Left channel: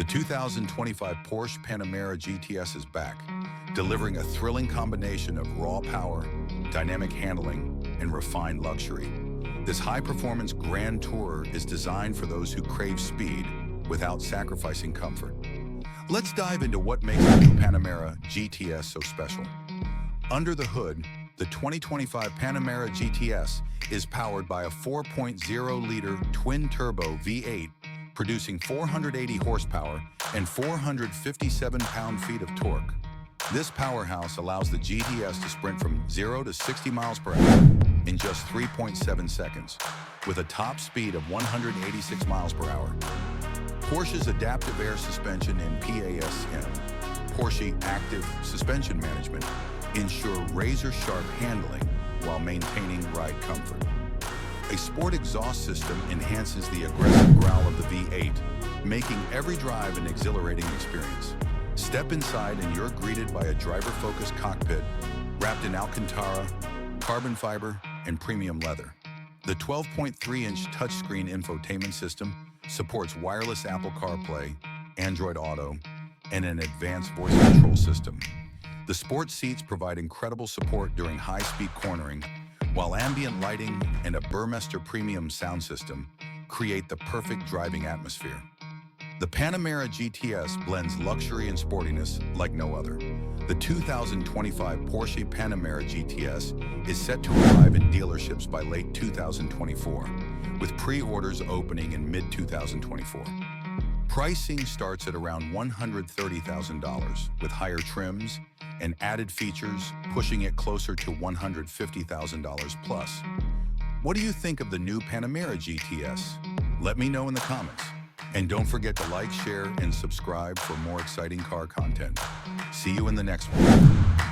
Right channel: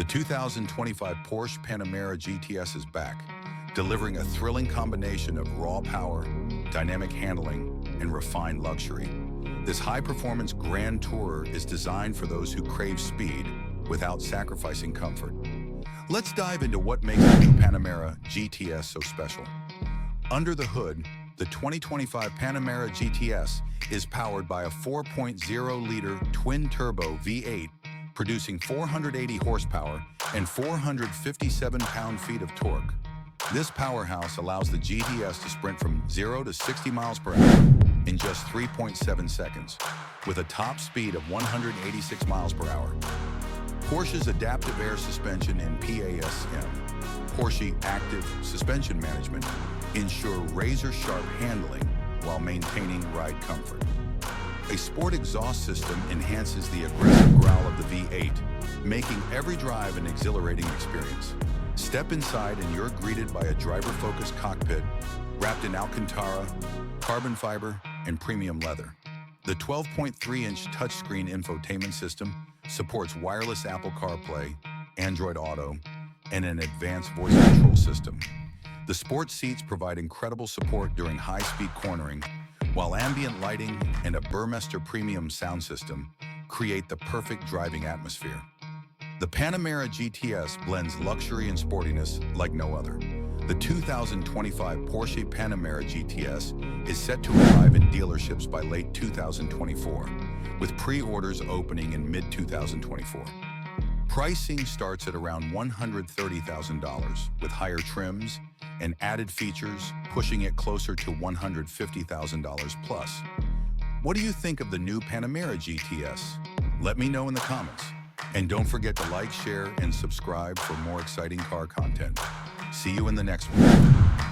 The 2025 Porsche Panamera GTS is back, delivering a thrilling combination of raw power, dynamic handling, and refined luxury. This high-performance Grand Tourer is designed for those who crave speed without sacrificing comfort. Let's dive into what makes the new Panamera GTS so special. Under the hood, the 2025 Panamera GTS is powered by a 4.0-liter twin-turbo V8, producing 480 horsepower and 457 pound-feet of torque. This powerhouse allows the GTS to sprint from 0 to 60 miles per hour in just 3.7 seconds, with a top speed of 186 miles per hour. Porsche's adaptive air suspension and PASM, Porsche Active Suspension Management, ensure razor-sharp handling while maintaining ride comfort. A sport exhaust system enhances the aggressive growl of the V8, making every drive an exhilarating experience. Step inside and you're greeted by a driver-focused cockpit wrapped in Alcantara, carbon fiber, and premium leather. The 12.3-inch touchscreen infotainment system supports wireless Apple CarPlay, Android Auto, and an advanced voice control system. The sport seats provide incredible support during high-speed cornering, while ambient lighting and a Burmester premium sound system create the perfect driving atmosphere. The Panamera GTS blends luxury and sportiness like no other. The 2025 Porsche Panamera GTS is set to arrive in dealerships by late 2024, with pre-orders opening in mid-2024. Pricing starts at around $130,000, with higher trims and added features pushing it closer to $150,000 plus. What do you think of the new Panamera GTS? Let me know in the comments. And don't forget to like, share, and subscribe for more exciting car content. See you in the next one.